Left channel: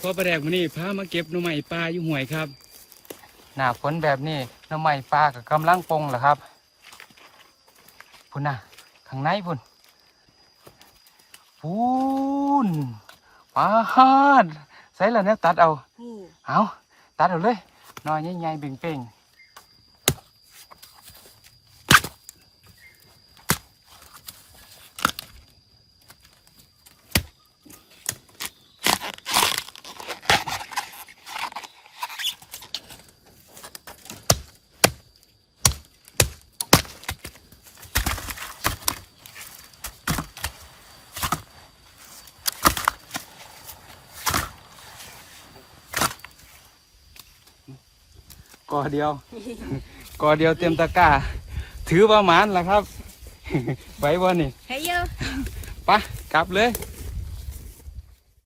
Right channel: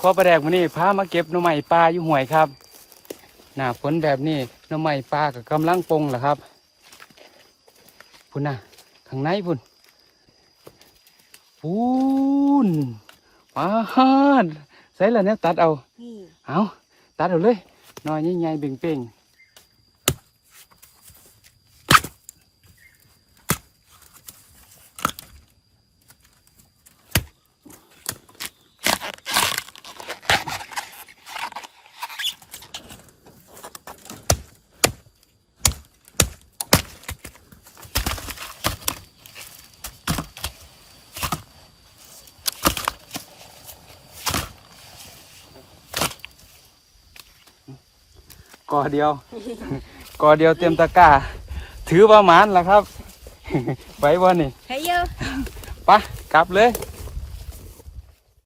พอประแดกมื้อนี้พามาเก็บหน่อไม้ปลาอยู่ห่วยครับ หน้าฝนแบบนี้หน่อไม้ปลาก็กำลังปงแหละครับพุ่นน่ะข้างในพุ่นพุ่นปาดใส่แล้วเนี่ยตัดเอานี่เอาตัดเอาเลยหน้อยใหญ่ๆเบ่งเกอเดียว กอเดียวเต็มตะกร้า ถือประมาณละครับ ไว้บ่นี่ ให้เยอะ ไปะกลับเลย